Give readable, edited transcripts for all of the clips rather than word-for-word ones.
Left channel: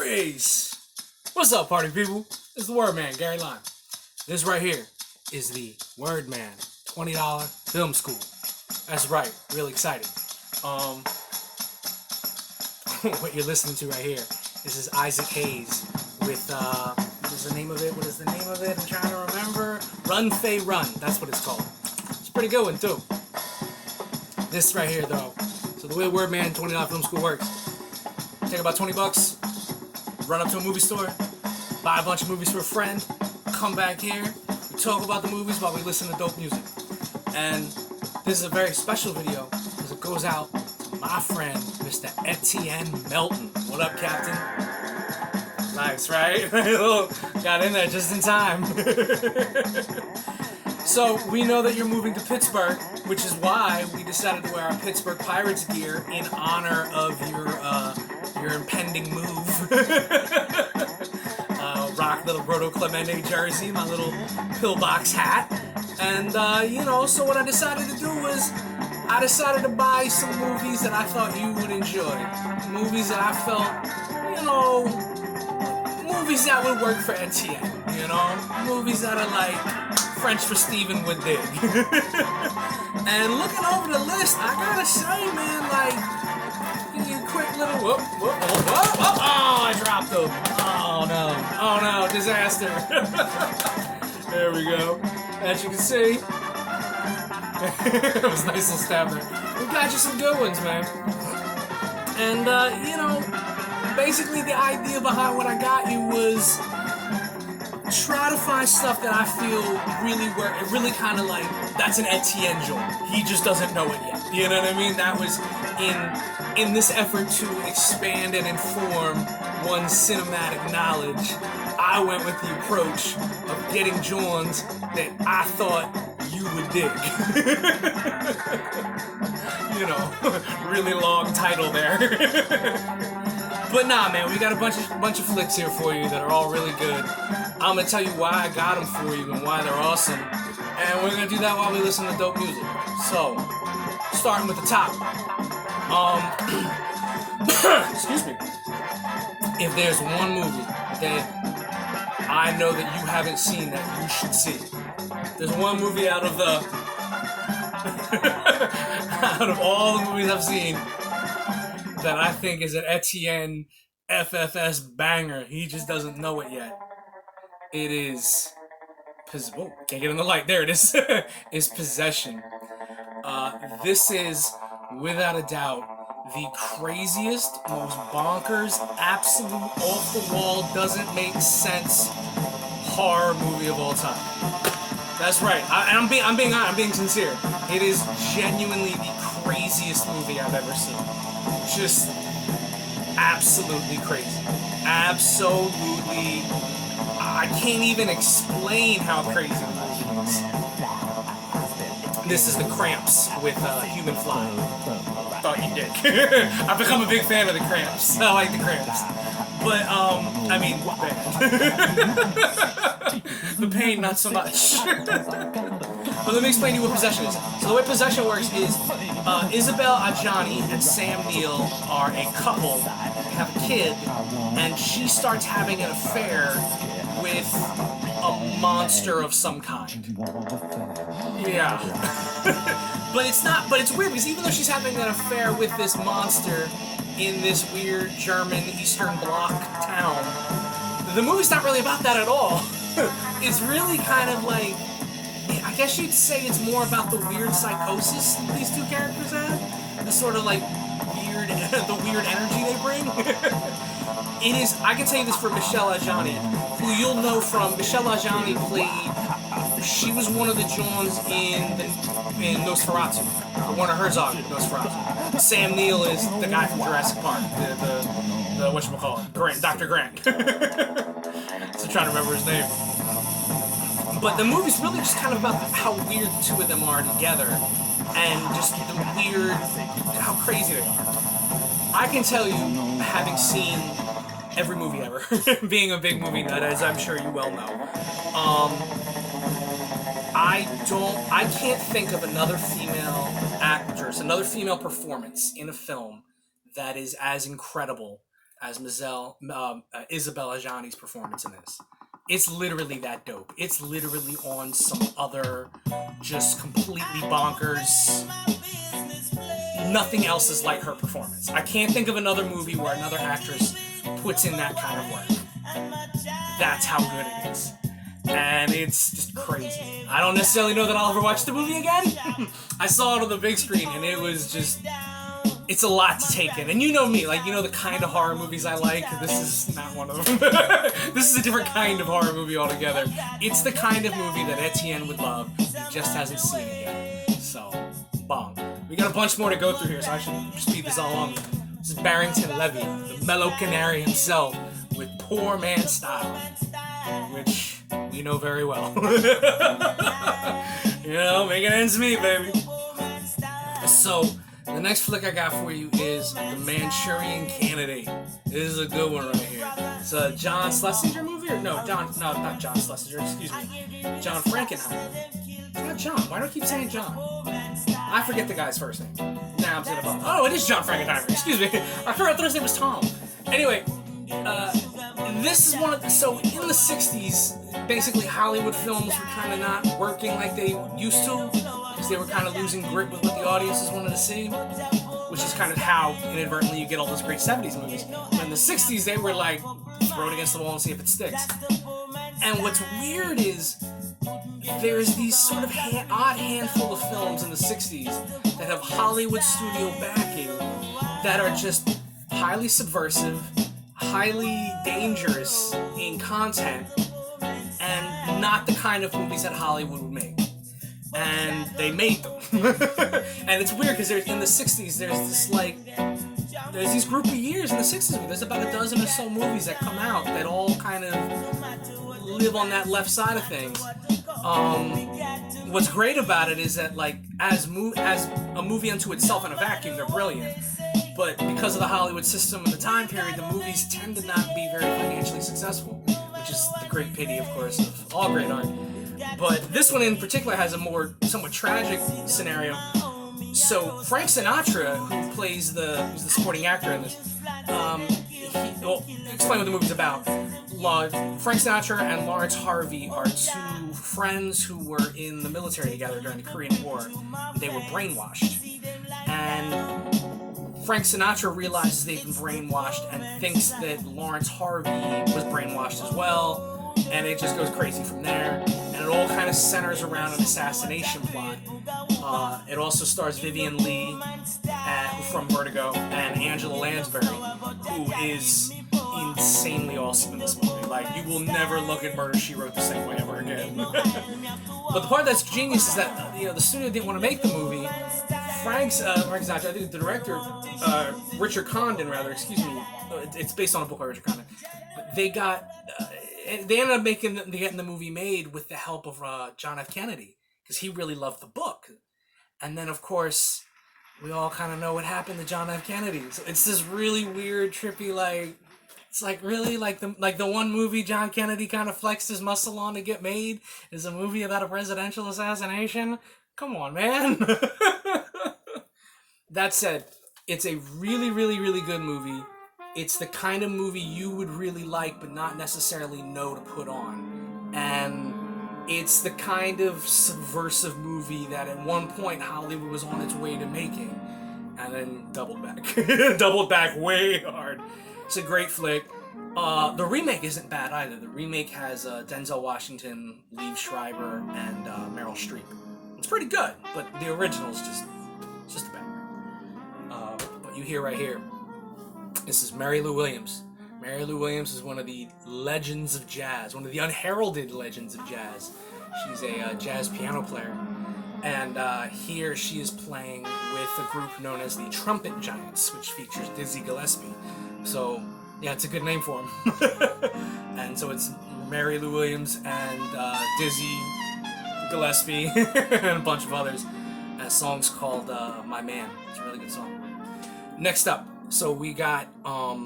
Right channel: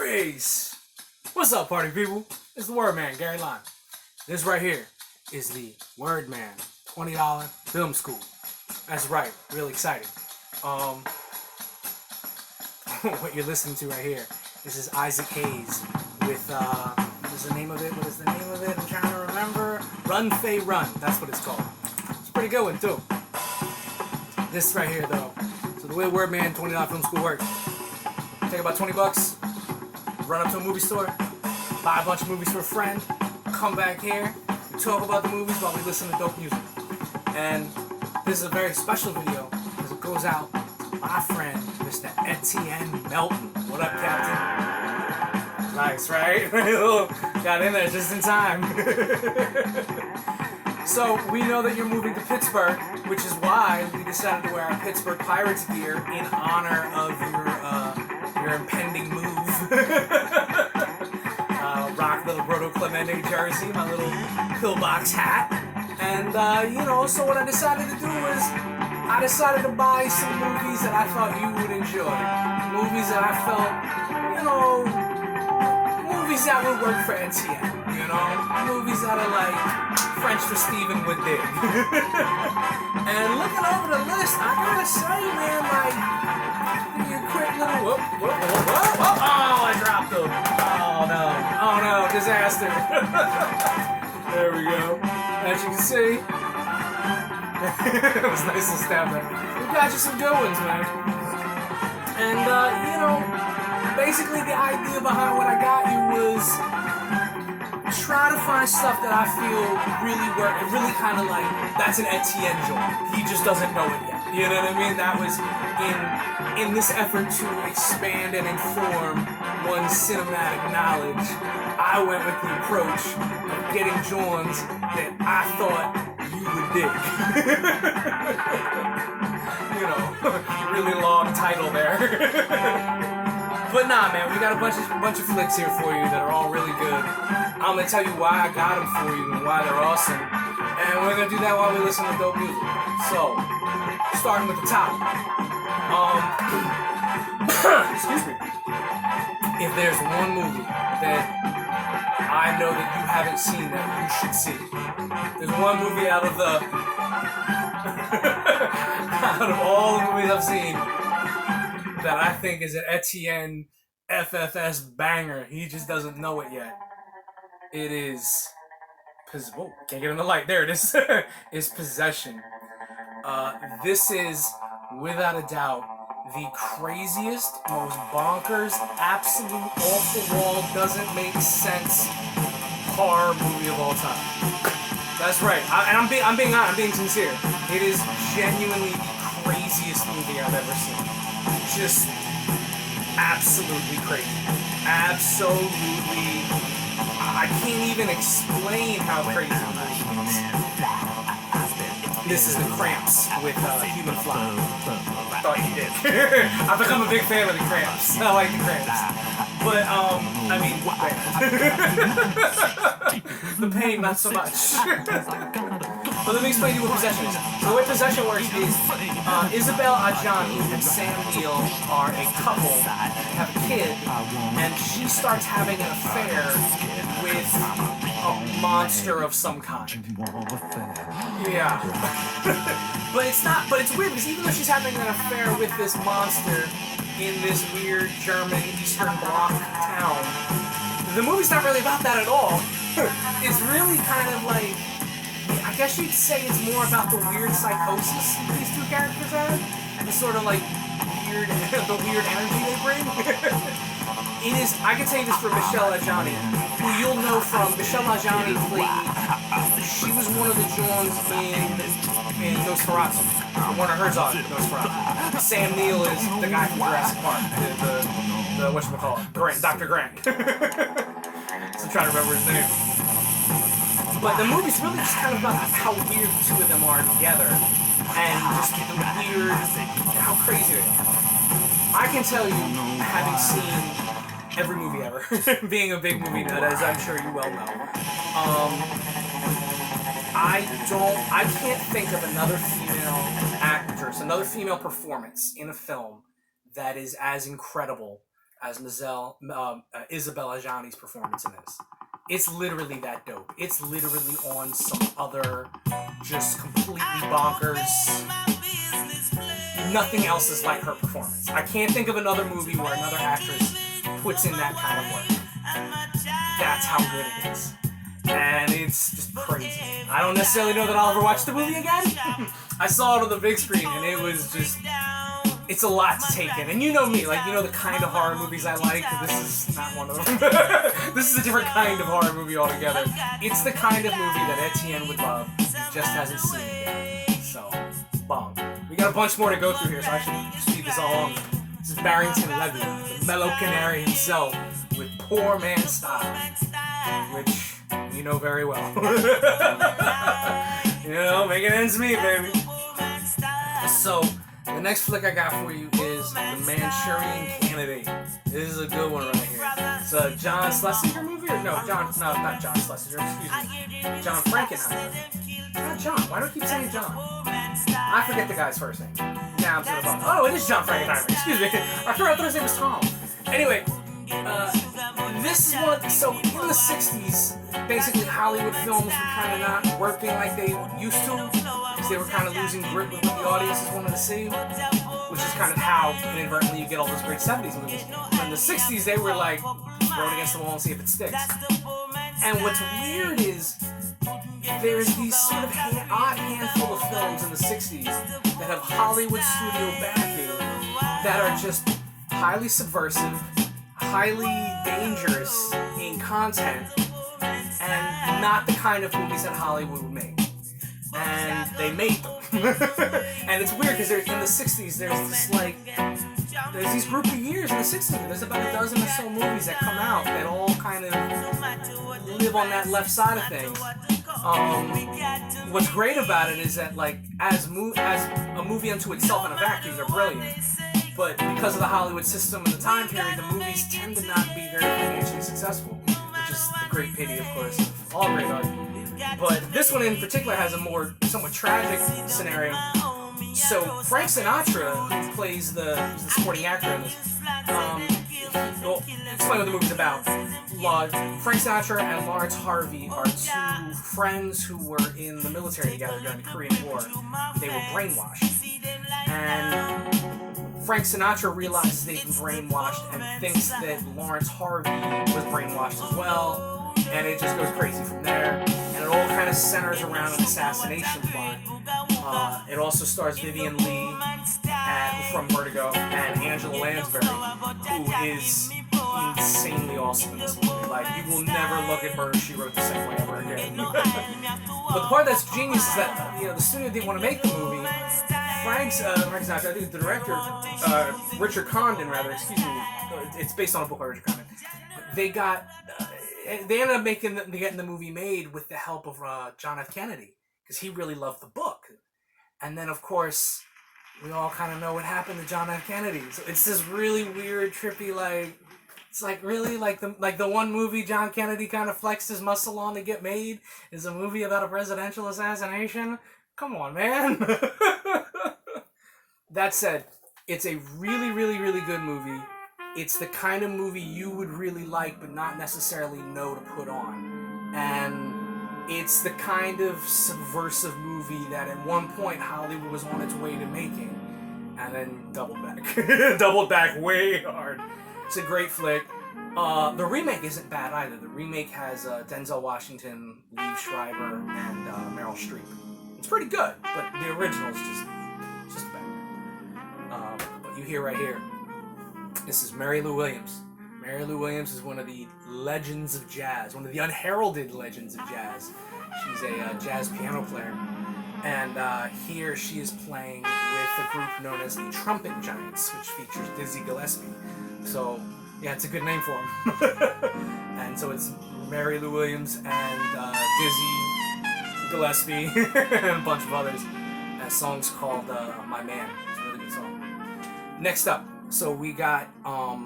Peace. What's up, party people? It's the Wordman, Gary Lime. This right here is the Wordman $20 film school. That's right, really exciting. What you're listening to right here, this is Isaac Hayes with, what is the name of it? I'm trying to remember. Run, Faye, Run. That's what it's called. It's a pretty good one, too. This right here, though. So the way Wordman $20 film school works, take about 20 bucks, run up to a movie store, buy a bunch of movies for a friend, come back here, we talk about the movies while we listen to dope music. And this is a very special video because it goes out to my friend, Mr. Etienne Melton. What up, Captain? Nice, right? Got in there just in time. So we know that you're moving to Pittsburgh, which is why we decided to wear our Pittsburgh Pirates gear in honor of your impending move. Rock little Roto Clemente jersey, my little pillbox hat, and so what I decided to do was I decided to buy some movies that I thought you would enjoy, movies that I felt, movies that would work for Etienne, movies that are like French for Steven would dig. And looking over the list, I gotta say, man, like, a quick little whoop. Oh, I dropped them. Oh no, disaster. There we go. As you can see, it was a nice little stab there. We got you some good ones, man. And, basically the idea behind what I got you was try to find stuff that I feel really kind of like, that's an Etienne joint. He just doesn't know it yet. You know what I mean? That was in this effort to expand and inform one's cinematic knowledge. I went with the approach of getting joints that I thought you would dig. Really long title there. But nah, man, we got a bunch of flicks here for you that are all really good. I'm gonna tell you why I got them for you and why they're awesome, and we're gonna do that while we listen to dope music. So, starting with the top. Excuse me. If there's one movie that I know that you haven't seen that you should see, there's one movie out of all the movies I've seen that I think is an Etienne FFS banger. He just doesn't know it yet. It is... Oh, can't get in the light. There it is. It's Possession. This is, without a doubt, the craziest, most bonkers, absolute, off-the-wall, doesn't make sense horror movie of all time. That's right. I'm being honest. I'm being sincere. It is genuinely the craziest movie I've ever seen. Just absolutely crazy. Absolutely. I can't even explain how crazy that is. This is The Cramps with Human Fly. Thought you did. I've become a big fan of The Cramps. I like The Cramps. But, the pain, not so much. But let me explain to you what Possession is. So the way Possession works is Isabelle Adjani and Sam Neill are a couple, they have a kid, and she starts having an affair with a monster of some kind. Yeah. But it's weird because even though she's having an affair with this monster in this weird German Eastern Bloc town, the movie's not really about that at all. It's really kind of like, I guess you'd say it's more about the weird psychosis these two characters have. The sort of like the weird energy they bring. It is, I can tell you this for Michelle Adjani, who you'll know from, Michelle Adjani she was one of the Johns in Nosferatu. Werner Herzog in Nosferatu. Sam Neill is the guy from Jurassic Park, the whatchamacallit, Grant, Dr. Grant. So I'm trying to remember his name. But the movie's really just kind of about how weird the two of them are together, and just the weird, how crazy they are. I can tell you, having seen every movie ever, being a big movie nut, as I'm sure you well know, I can't think of another female actress, another female performance in a film that is as incredible as Isabelle Adjani's performance in this. It's literally that dope. It's literally on some other, just completely bonkers. Nothing else is like her performance. I can't think of another movie where another actress puts in that kind of work. That's how good it is. And it's just crazy. I don't necessarily know that I'll ever watch the movie again. I saw it on the big screen and it was just... It's a lot to take in. And you know me, like, you know the kind of horror movies I like. This is not one of them. This is a different kind of horror movie altogether. It's the kind of movie that Etienne would love. He just hasn't seen it yet. So, bomb. We got a bunch more to go through here, so I should speed this all along. This is Barrington Levy, the mellow canary himself, with Poor Man Style, which you know very well. You know, making ends meet, baby. So, the next flick I got for you is The Manchurian Candidate. This is a good one right here. It's a John Schlesinger movie? Or no, not John Schlesinger, excuse me. John Frankenheimer. It's not John. Why do I keep saying John? I forget the guy's first name. Now I'm sort of oh, it is John Frankenheimer. Excuse me. I thought his name was Tom. Anyway, this is one of so in the 60s, basically Hollywood films were kind of not working like they used to, because they were kind of losing grip with what the audiences wanted to see, which is kind of how inadvertently you get all those great 70s movies. In the 60s, they were like, throw it against the wall and see if it sticks. And what's weird is there's these sort of odd handful of films in the 60s that have Hollywood studio backing that are just highly subversive, highly dangerous in content, and not the kind of movies that Hollywood would make. And they made them. And it's weird because in the 60s there's this there's these group of years in the 60s where there's about a dozen or so movies that come out that all kind of live on that left side of things. What's great about it is that as a movie unto itself in a vacuum, they're brilliant. But because of the Hollywood system and the time period, the movies tend to not be very financially successful, which is the great pity, of course, of all great art. But this one in particular has a more somewhat tragic scenario. So Frank Sinatra, who plays who's the supporting actor in this, explain what the movie's about. Frank Sinatra and Lawrence Harvey are two friends who were in the military together during the Korean War. They were brainwashed. And Frank Sinatra realizes they've been brainwashed and thinks that Lawrence Harvey was brainwashed as well. And it just goes crazy from there. And it all kind of centers around an assassination plot. It also stars Vivian Leigh from Vertigo and Angela Lansbury, who is insanely awesome in this movie. You will never look at Murder, She Wrote the same way ever again. But the part that's genius is that the studio didn't want to make the movie. Frank Sinatra, I think the director, Richard Condon, it's based on a book by Richard Condon. They ended up getting the movie made with the help of John F. Kennedy, because he really loved the book. And then, of course, we all kind of know what happened to John F. Kennedy. So it's this really weird, trippy, it's really the one movie John Kennedy kind of flexed his muscle on to get made is a movie about a presidential assassination. Come on, man. That said, it's a really, really, really good movie. It's the kind of movie you would really like, but not necessarily know to put on. And it's the kind of subversive movie that at one point Hollywood was on its way to making, and then doubled back. Doubled back way hard. It's a great flick. The remake isn't bad either. The remake has Denzel Washington, Liev Schreiber, and Meryl Streep. It's pretty good, but the original is just better. What you hear right here, this is Mary Lou Williams. Mary Lou Williams is one of the legends of jazz, one of the unheralded legends of jazz. She's a jazz piano player. And here she is playing with a group known as the Trumpet Giants, which features Dizzy Gillespie. So, yeah, it's a good name for them. And so it's Mary Lou Williams and Dizzy Gillespie and a bunch of others. And a song's called My Man. It's a really good song. Next up, so we got, how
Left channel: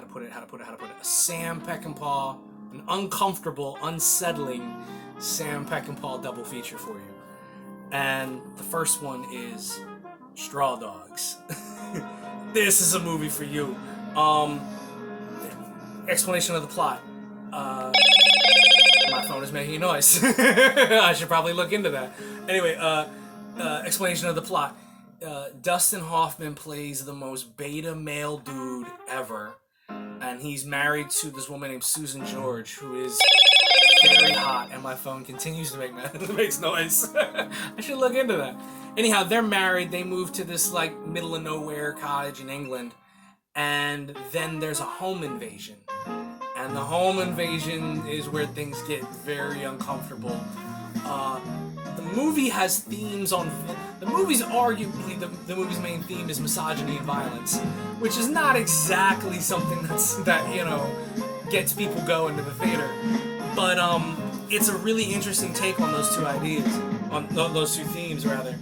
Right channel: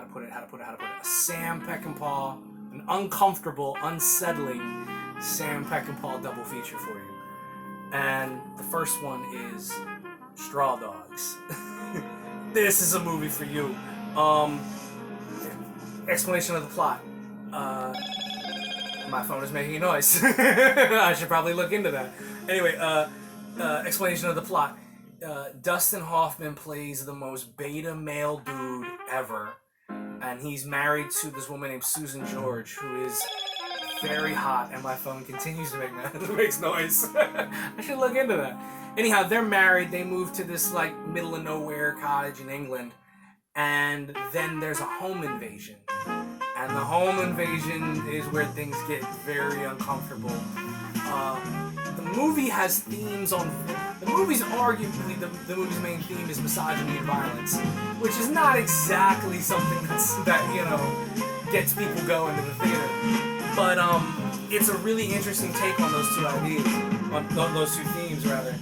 to put it, a Sam Peckinpah, an uncomfortable, unsettling Sam Peckinpah double feature for you. And the first one is Straw Dogs. This is a movie for you. Explanation of the plot. My phone is making a noise. I should probably look into that. Anyway, explanation of the plot. Dustin Hoffman plays the most beta male dude ever, and he's married to this woman named Susan George, who is very hot, and my phone continues to makes noise. I should look into that. Anyhow, they're married. They move to this like middle of nowhere cottage in England, and then there's a home invasion. And the home invasion is where things get very uncomfortable. The movie has themes on... The movie's arguably... The movie's main theme is misogyny and violence, which is not exactly something that, you know, gets people going to the theater. But it's a really interesting take on those two ideas. On those two themes, rather.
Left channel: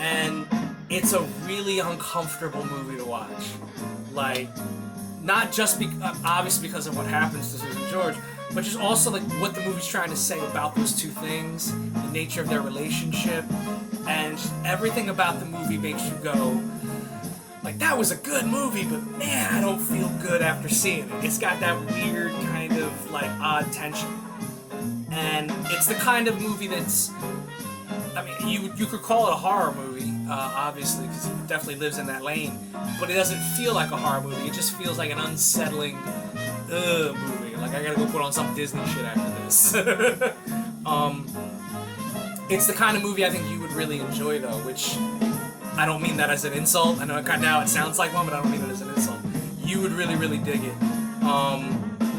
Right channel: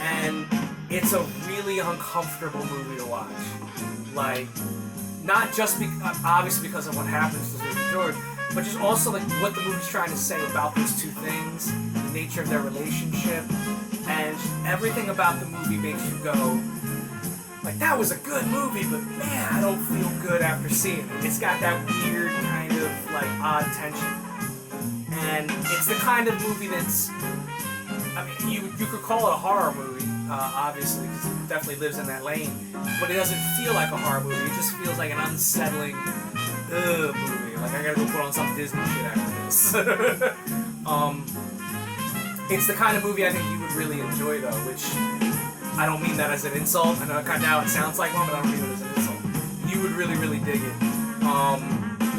And it's a really uncomfortable movie to watch. Like... Not just obviously because of what happens to Susan George, but just also like what the movie's trying to say about those two things, the nature of their relationship, and everything about the movie makes you go, like, that was a good movie, but man, I don't feel good after seeing it. It's got that weird kind of like odd tension, and it's the kind of movie that's, I mean, you could call it a horror movie, obviously, because it definitely lives in that lane. But it doesn't feel like a horror movie. It just feels like an unsettling movie. Like, I gotta go put on some Disney shit after this. It's the kind of movie I think you would really enjoy, though, which I don't mean that as an insult. I know now it sounds like one, but I don't mean it as an insult. You would really, really dig it.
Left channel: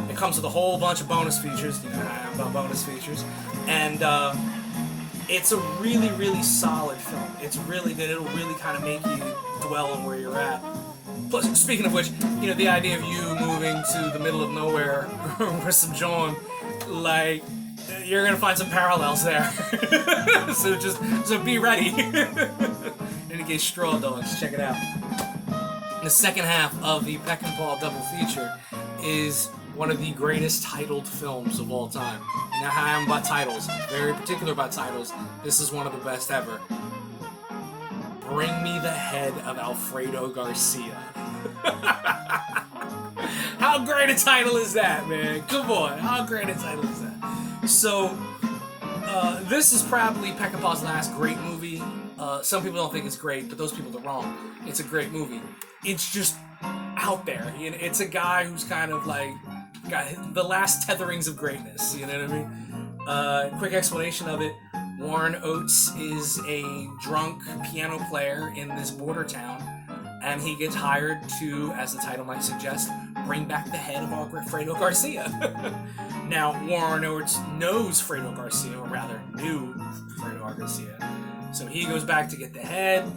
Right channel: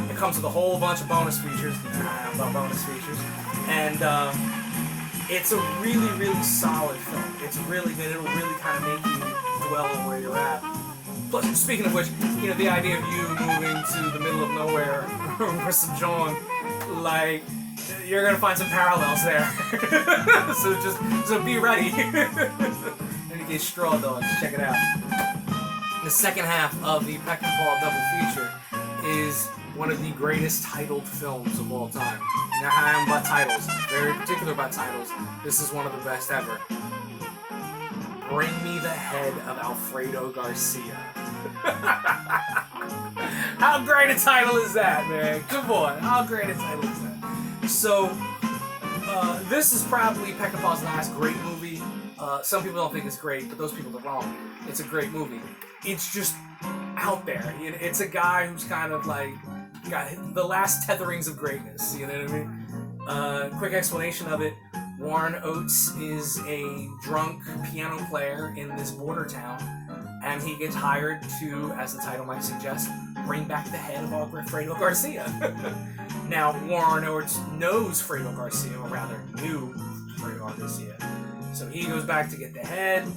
It comes with a whole bunch of bonus features. Keep an eye out about bonus features. And it's a really, really solid film. It's really good. It'll really kind of make you dwell on where you're at. Plus, speaking of which, you know, the idea of you moving to the middle of nowhere with some John, like, you're gonna find some parallels there. so be ready. In any case, Straw Dogs, check it out. The second half of the Peck and Paul double feature is one of the greatest titled films of all time. You know how I am about titles. I'm very particular about titles. This is one of the best ever. Bring Me the Head of Alfredo Garcia. How great a title is that, man? Come on, how great a title is that? So, this is probably Peckinpah's last great movie. Some people don't think it's great, but those people are wrong. It's a great movie. It's just out there. It's a guy who's kind of like got the last tetherings of greatness. You know what I mean? Quick explanation of it. Warren Oates is a drunk piano player in this border town, and he gets hired to, as the title might suggest, bring back the head of Alfredo Garcia. Now, Warren Oates knows Fredo Garcia, or rather, knew Fredo Garcia. So he goes back to get the head,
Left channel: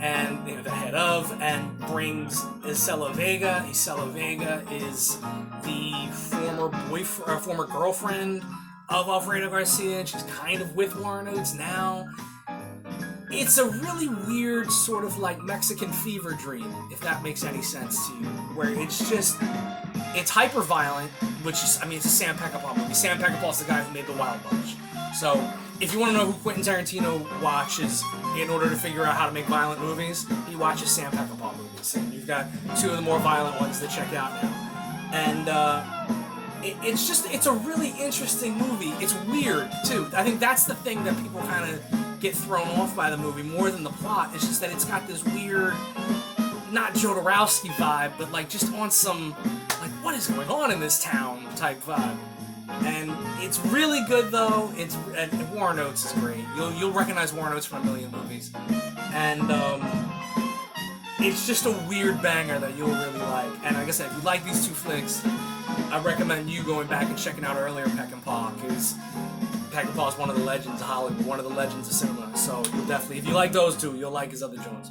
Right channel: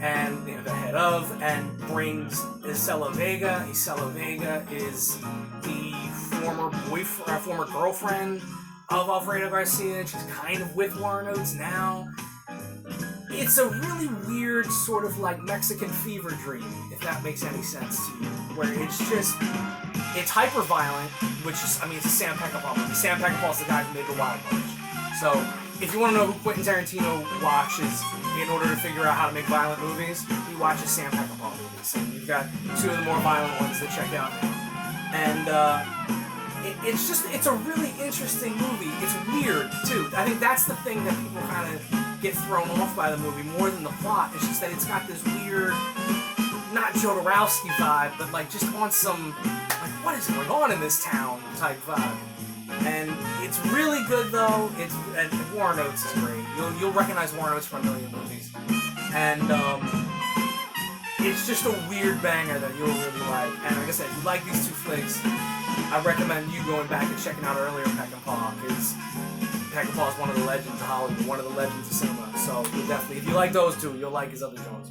and the head of, and brings Isela Vega. Isela Vega is the former girlfriend of Alfredo Garcia, and she's kind of with Warren Oates now. It's a really weird sort of like Mexican fever dream, if that makes any sense to you, where it's hyper violent, which is, I mean, it's a Sam Peckinpah movie. Sam Peckinpah's the guy who made The Wild Bunch. So, if you want to know who Quentin Tarantino watches in order to figure out how to make violent movies, he watches Sam Peckinpah movies. So you've got two of the more violent ones to check out now. And, it's a really interesting movie. It's weird, too. I think that's the thing that people kind of get thrown off by the movie more than the plot. It's just that it's got this weird, not Jodorowsky vibe, but like just on some, like, what is going on in this town type vibe. And it's really good, though. And Warren Oates is great. You'll recognize Warren Oates from a million movies. And it's just a weird banger that you'll really like. And like I said, if you like these two flicks, I recommend you going back and checking out earlier Peckinpah, because Peckinpah is one of the legends of Hollywood, one of the legends of cinema. So you'll definitely, if you like those two, you'll like his other Jones.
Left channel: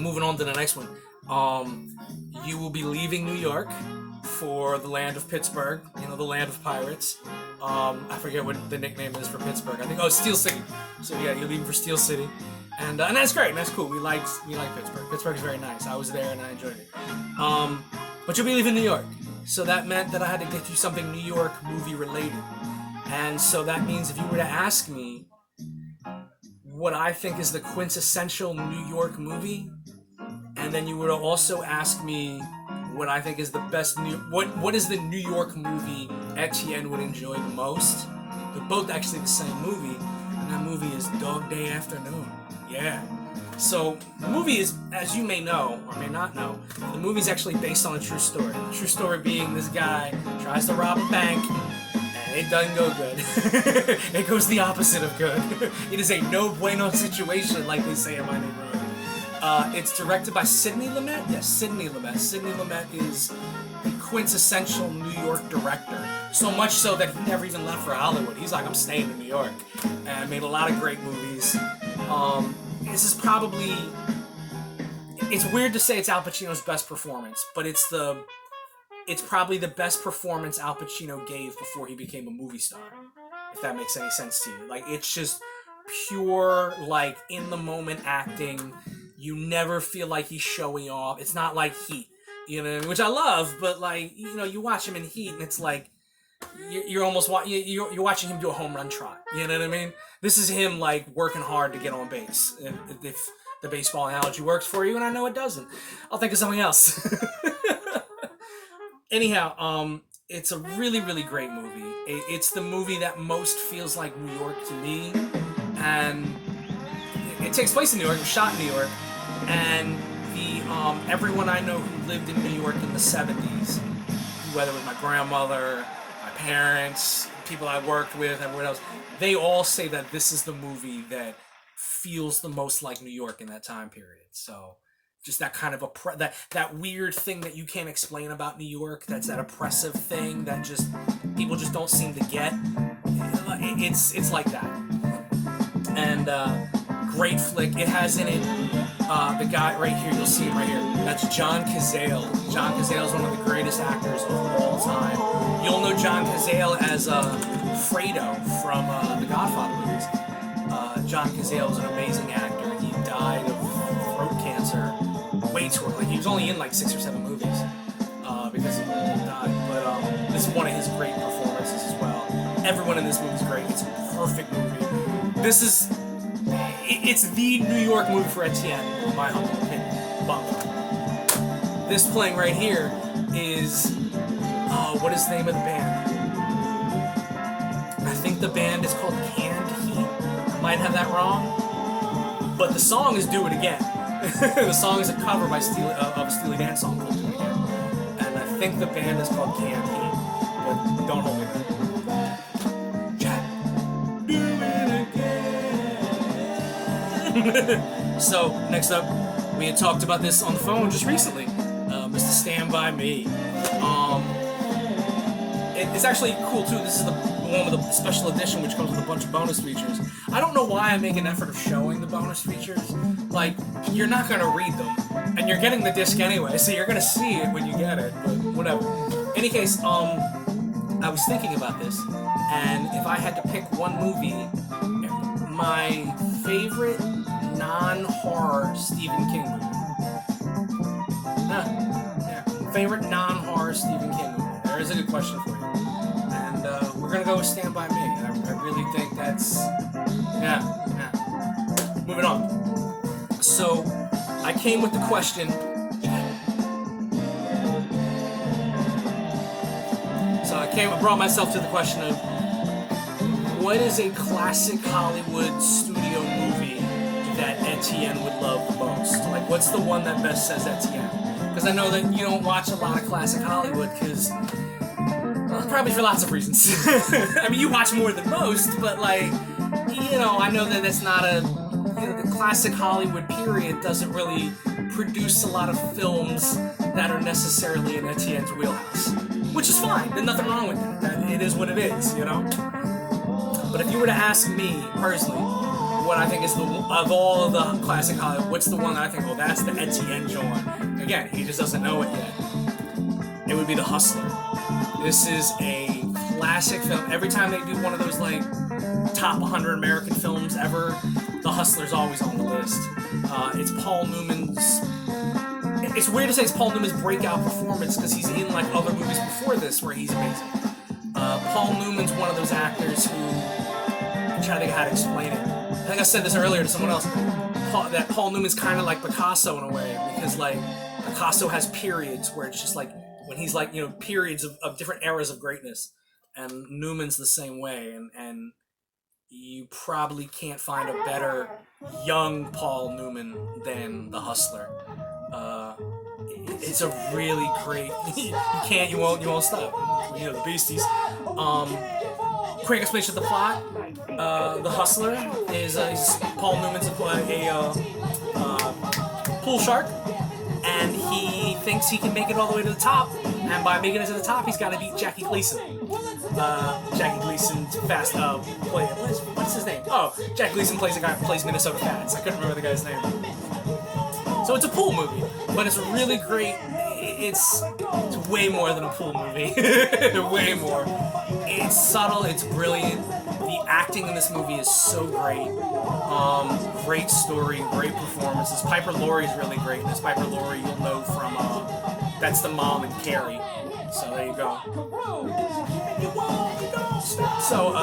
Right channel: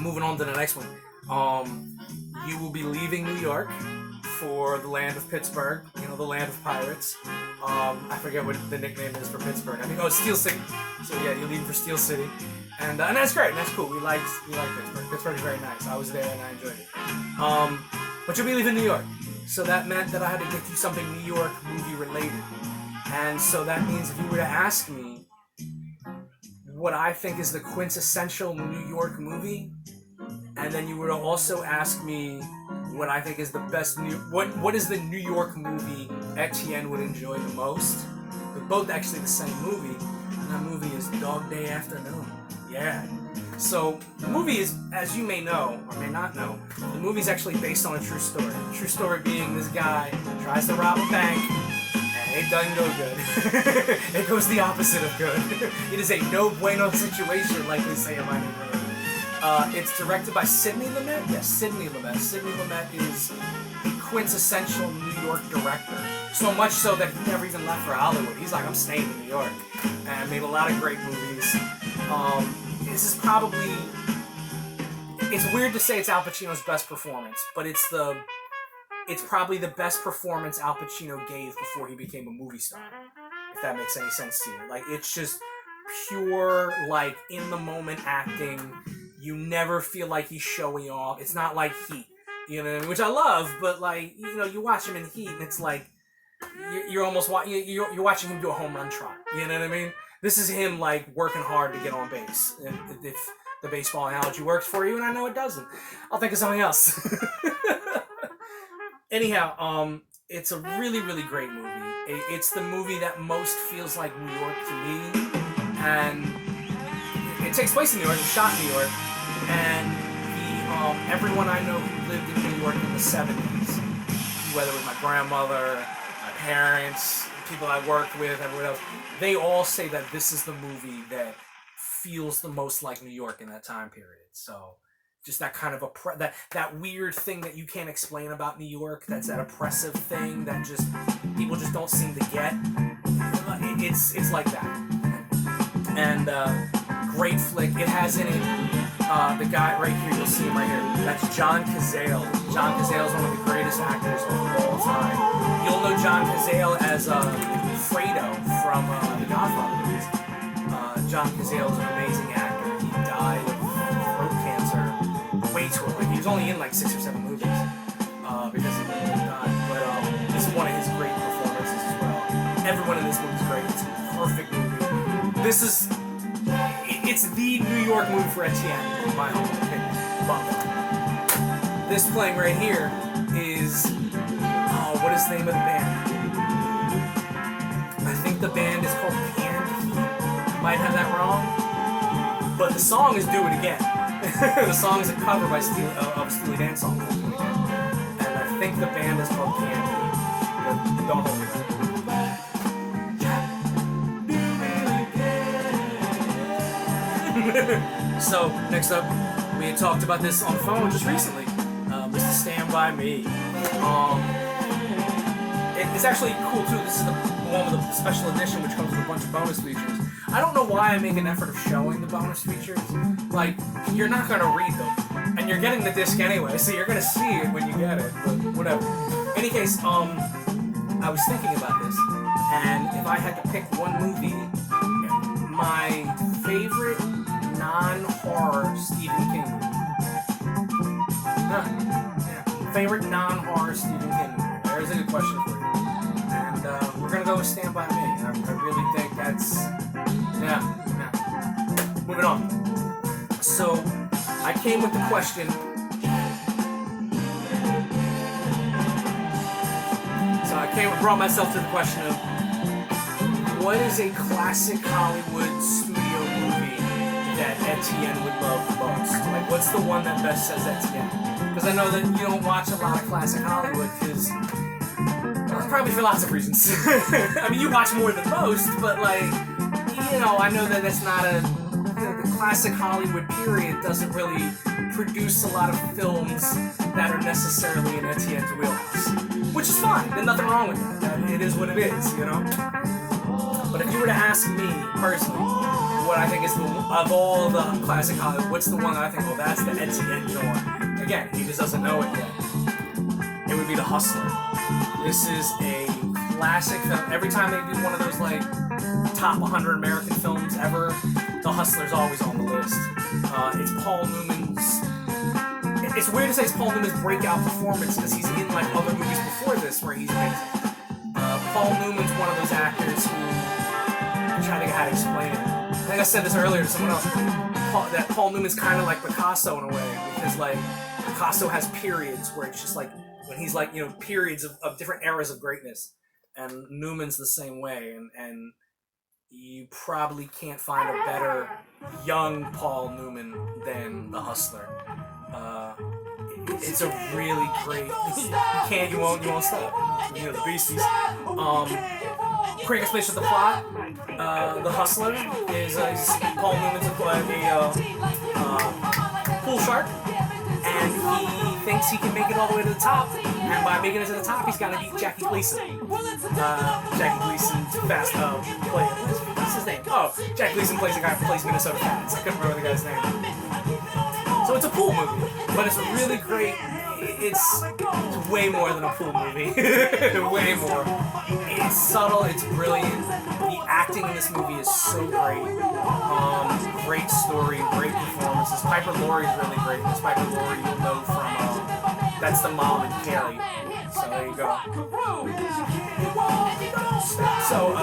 Moving on to the next one. You will be leaving New York for the land of Pittsburgh, the land of pirates. I forget what the nickname is for Pittsburgh. I think, Steel City. So yeah, you're leaving for Steel City. And that's great, and that's cool. We like Pittsburgh. Pittsburgh is very nice. I was there and I enjoyed it. But you'll be leaving New York. So that meant that I had to get you something New York movie related. And so that means if you were to ask me what I think is the quintessential New York movie, and then you were to also ask me what I think is the best what is the New York movie Etienne would enjoy the most. They're both actually the same movie, and that movie is Dog Day Afternoon. Yeah. So the movie is, as you may know or may not know, the movie is actually based on a true story. The true story being this guy tries to rob a bank, and it doesn't go good. It goes the opposite of good. It is a no bueno situation, like we say in my neighborhood. It's directed by Sidney Lumet. Yes, Sidney Lumet. Sidney Lumet is the quintessential New York director. So much so that he never even left for Hollywood. He's like, I'm staying in New York. And made a lot of great movies. This is probably... It's weird to say it's Al Pacino's best performance, but it's probably the best performance Al Pacino gave before he became a movie star. If that makes any sense to you. Like, it's just pure, like, in-the-moment acting. You never feel like he's showing off. It's not like Heat, you know, which I love, but, like, you know, you watch him in Heat, and it's like, you're almost you're watching him do a home run trot. You know what I mean? This is him like working hard to get on base. If the baseball analogy works for you, and I know it doesn't, I'll think of something else. Anyhow, it's a really, really great movie. It's the movie that most feels like New York to me, and it takes place in New York. It was shot in New York, and everyone I know who lived in New York in the 70s, whether it was my grandmother, my parents, people I worked with, everyone else, they all say that this is the movie that feels the most like New York in that time period. So just that kind of that weird thing that you can't explain about New York, that's that oppressive thing that just people just don't seem to get. It's like that. And great flick. It has in it the guy right here, you'll see him right here. That's John Cazale. John Cazale is one of the greatest actors of all time. You'll know John Cazale as Fredo from the Godfather movies. John Cazale is an amazing actor. He died of throat cancer way too early. He was only in like 6 or 7 movies because he died. But this is one of his great performances as well. Everyone in this movie is great. It's a perfect movie. It's the New York movie for Etienne, in my humble opinion. But this playing right here is, what is the name of the band? I think the band is called Canned Heat. I might have that wrong, but the song is Do It Again. The song is a cover by of a Steely Dan song called Do It Again, and I think the band is called Canned Heat, but don't hold me to that. So, next up, we had talked about this on the phone just recently. Mr. Stand By Me. It's actually cool too. This is the one with the special edition, which comes with a bunch of bonus features. I don't know why I make an effort of showing the bonus features. Like, you're not going to read them, and you're getting the disc anyway, so you're going to see it when you get it, but whatever. In any case, I was thinking about this, and if I had to pick one movie, my favorite non-horror Stephen King movie. Favorite non-horror Stephen King movie. There is a good question for you. And we're going to go with Stand By Me. I really think that's... Yeah. Moving on. So, I came with the question... brought myself to the question of what is a classic Hollywood studio movie that Etienne would love the most? Like, what's the one that best says Etienne? Because I know that you don't watch a lot of classic Hollywood because, well, probably for lots of reasons. I mean, you watch more than most, but like, you know, I know that that's not a, you know, the classic Hollywood period doesn't really produce a lot of films that are necessarily in Etienne's wheelhouse. Which is fine, there's nothing wrong with that. It is what it is, you know? But if you were to ask me, personally, what I think is of all the classic Hollywood, what's the one that I think, well, that's the Etienne joint? Again, he just doesn't know it yet. It would be The Hustler. This is a classic film. Every time they do one of those, like, top 100 American films ever, The Hustler's always on the list. It's Paul Newman's... It's weird to say it's Paul Newman's breakout performance because he's in like other movies before this where he's amazing. Paul Newman's one of those actors who, I'm trying to think of how to explain it. I think I said this earlier to someone else. That Paul Newman's kind of like Picasso in a way because like Picasso has periods where it's just like when he's like, periods of different eras of greatness, and Newman's the same way, and you probably can't find a better young Paul Newman than The Hustler. It's a really great. You won't stop. The Beasties. Quick explanation of the plot. The Hustler is Paul Newman's a pool shark, and he thinks he can make it all the way to the top, and by making it to the top, he's got to beat Jackie Gleason. Jackie Gleason's fast play. What's his name? Oh, Jackie Gleason plays a guy who plays Minnesota Cats. I couldn't remember the guy's name. So it's a pool movie, but it's really great. It's way more than a pool movie. Way more. It's subtle. It's brilliant. The acting in this movie is so great. Great story, great performances. Piper Laurie is really great. This Piper Laurie you'll know from that's the mom in Carrie. So there you go. So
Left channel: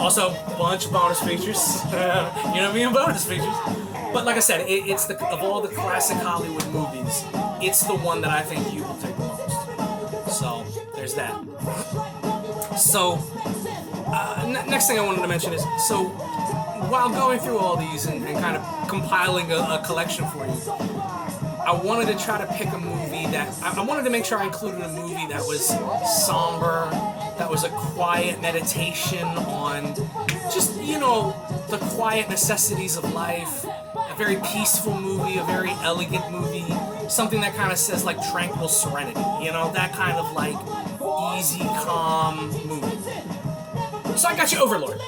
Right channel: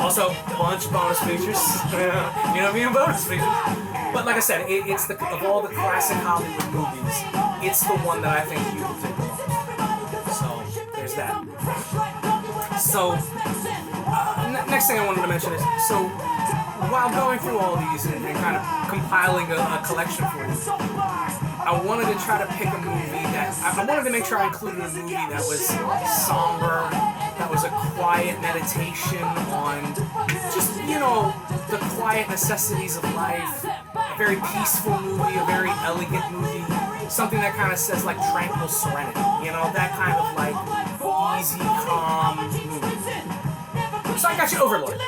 also a bunch of bonus features. Bonus features. But like I said, it's of all the classic Hollywood movies, it's the one that I think you will dig the most. So there's that. So next thing I wanted to mention is, so while going through all these and kind of compiling a collection for you, I wanted to try to pick a movie that I wanted to make sure I included a movie that was somber, that was a quiet meditation on just the quiet necessities of life. A very peaceful movie, a very elegant movie, something that kind of says like tranquil serenity, that kind of like easy, calm movie. So I got you Overlord.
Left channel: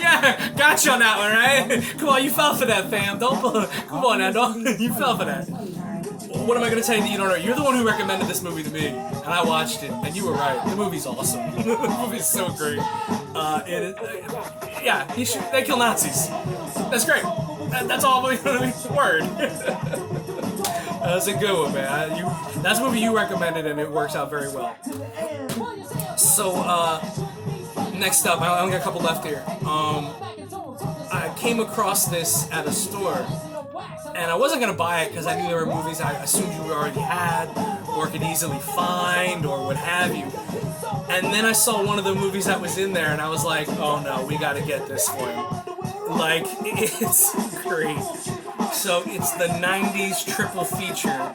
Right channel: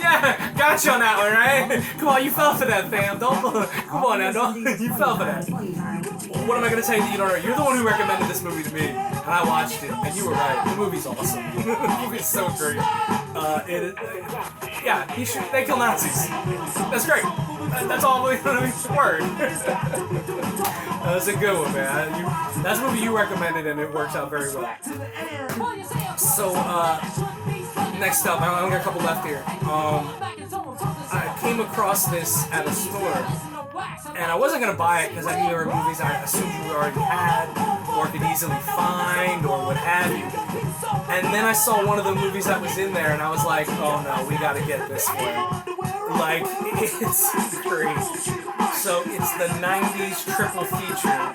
Yeah, got you on that one, right? Come on, you fell for that, fam. Come on now, you fell for that. What am I going to tell you that you don't know? You're the one who recommended this movie to me, and I watched it, and you were right. The movie's awesome. The movie's so great. They kill Nazis. That's great. That's all I'm going to word. That's a good one, man. That's a movie you recommended, and it works out very well. So, next up, I only got a couple left here. I came across this at a store, and I wasn't going to buy it because I knew there were movies I assumed you already had or could easily find or what have you. And then I saw one of the movies that was in there, and I was like, oh no, we got to get this one. Like, it's great. So it's the 90s triple feature.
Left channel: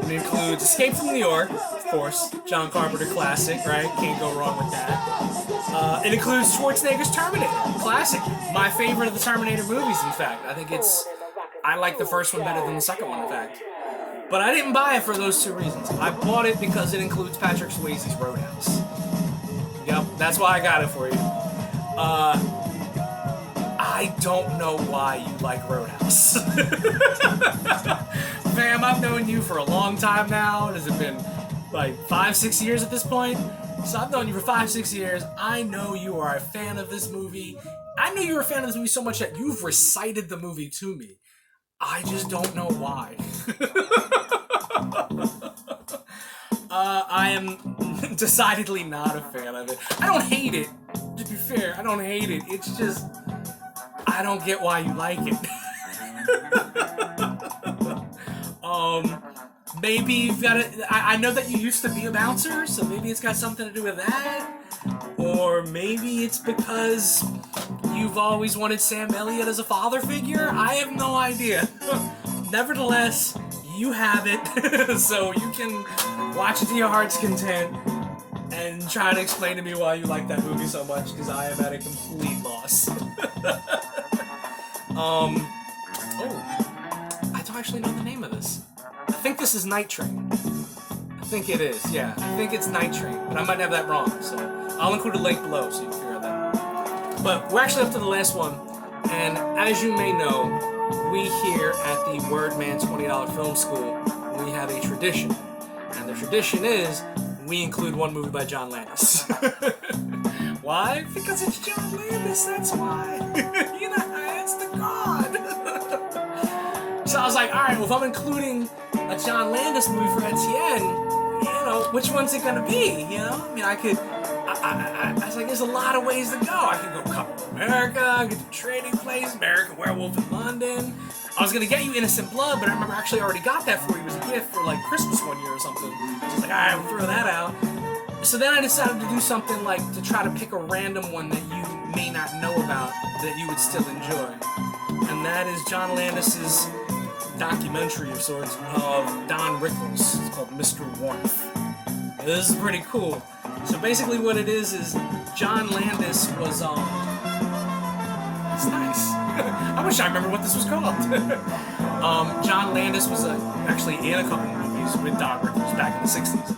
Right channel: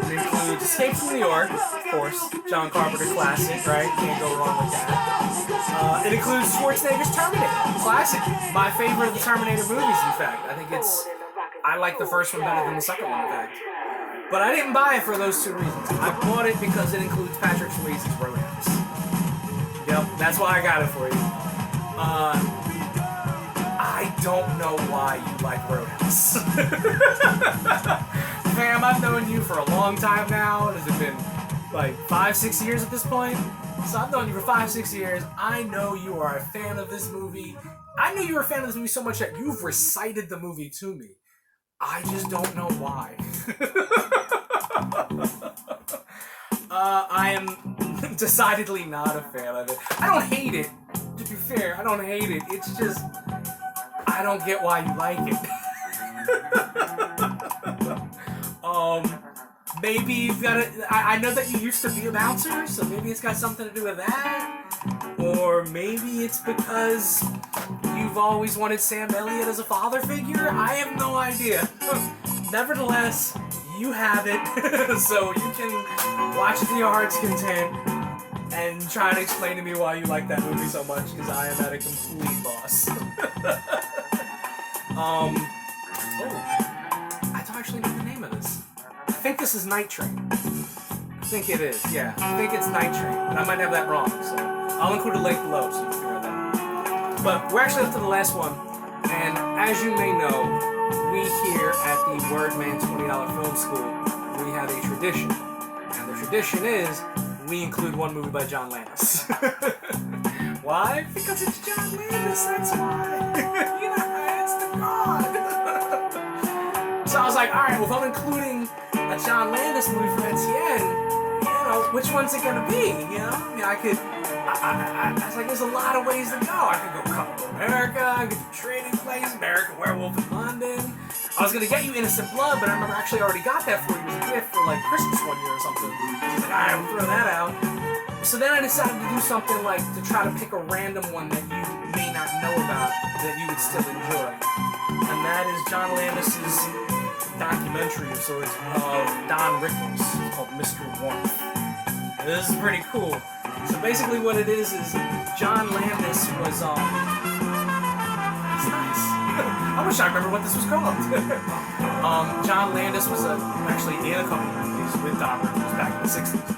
It includes Escape from New York, of course, John Carpenter classic, right? Can't go wrong with that. It includes Schwarzenegger's Terminator, classic. My favorite of the Terminator movies, in fact. I like the first one better than the second one, in fact. But I didn't buy it for those two reasons. I bought it because it includes Patrick Swayze's Roadhouse. Yep, that's why I got it for you. I don't know why you like Roadhouse. Fam, I've known you for a long time now. Has it been like 5-6 years at this point? So I've known you for 5-6 years. I know you are a fan of this movie. I know you're a fan of this movie so much that you've recited the movie to me. I just don't know why. I am decidedly not a fan of it. I don't hate it. To be fair, I don't hate it. It's just, I don't get why you like it. Maybe you've got it. I know that you used to be a bouncer, so maybe it's got something to do with that. Or maybe it's because you've always wanted Sam Elliott as a father figure. I have no idea. Nevertheless, you have it, so you can watch it to your heart's content and try to explain to me why you like that movie so much, because I am at a complete loss. I don't actually know the name of this. I think this is Night Train. I think it is, yeah. I think it's Night Train, but I might have that wrong, so I'll include a link below so you can figure out that. But we're actually up to the last one, and as you may know, we here at the Wordman $20 Film School, we have a tradition. And the tradition is, we include one movie by John Landis. Why? Because it's John Landis, that's why. It's the God. So I was like, alright, well if I'm including a John Landis movie for Etienne, which one's it gonna be? I mean, I was like, there's a lot of ways to go. I could go Coming to America, I could do Trading Place, American Werewolf in London. I was gonna get you Innocent Blood, but I remember I actually already got that for you as a gift for like Christmas one year or something. So I was like, alright, we'll throw that out. So then I decided to do something like to try to pick a random one that you may not know about that you would still enjoy. And that is John Landis's documentary of sorts of Don Rickles. It's called Mr. Warmth. And this is pretty cool. So basically what it is John Landis was it's nice. I wish I remember what this was called. John Landis was actually in a couple movies with Don Rickles back in the 60s.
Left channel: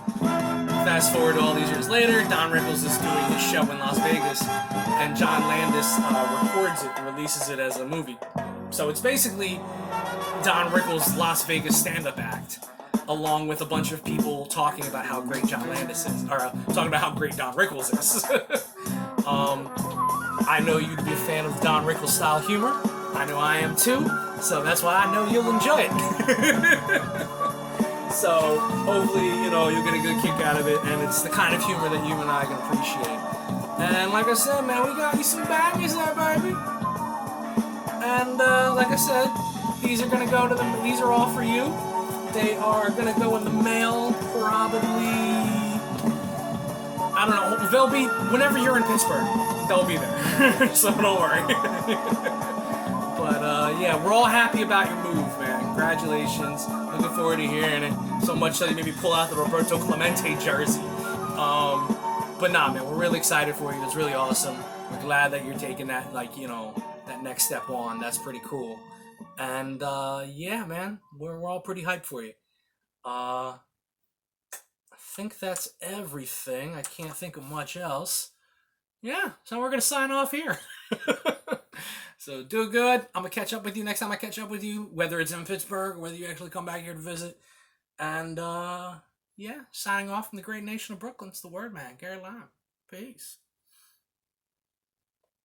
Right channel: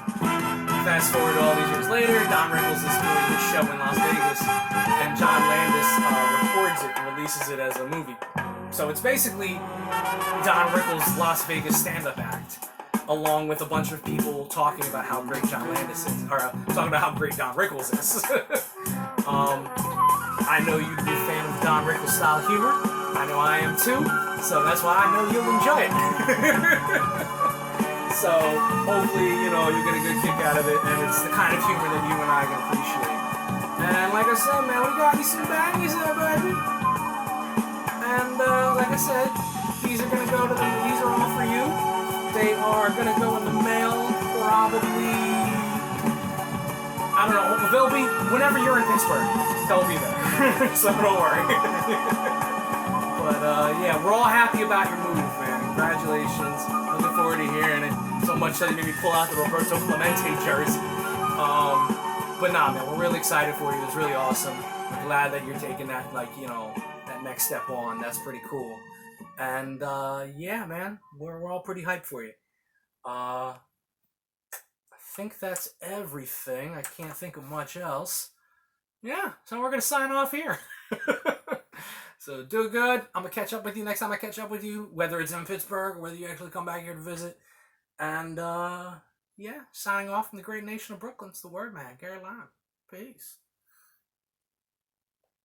Fast forward all these years later, Don Rickles is doing this show in Las Vegas, and John Landis records it and releases it as a movie. So it's basically Don Rickles' Las Vegas stand-up act, along with a bunch of people talking about how great John Landis is, or talking about how great Don Rickles is. I know you'd be a fan of Don Rickles style humor. I know I am too, so that's why I know you'll enjoy it. So hopefully, you'll get a good kick out of it, and it's the kind of humor that you and I can appreciate. And like I said, man, we got you some bangers there, baby. And like I said, these are these are all for you. They are gonna go in the mail probably. I don't know. They'll be whenever you're in Pittsburgh. They'll be there, so don't worry. But yeah, we're all happy about your move, man. Congratulations. Looking forward to hearing it. So much so you made me pull out the Roberto Clemente jersey. But nah, man, we're really excited for you. It's really awesome. We're glad that you're taking that, that next step on. That's pretty cool. And yeah, man, we're all pretty hyped for you. I think that's everything. I can't think of much else. Yeah, so we're gonna sign off here. So do good. I'm gonna catch up with you next time I catch up with you, whether it's in Pittsburgh or whether you actually come back here to visit. And yeah, signing off from the great nation of Brooklyn. It's the Wordman, Gary Lime. Peace.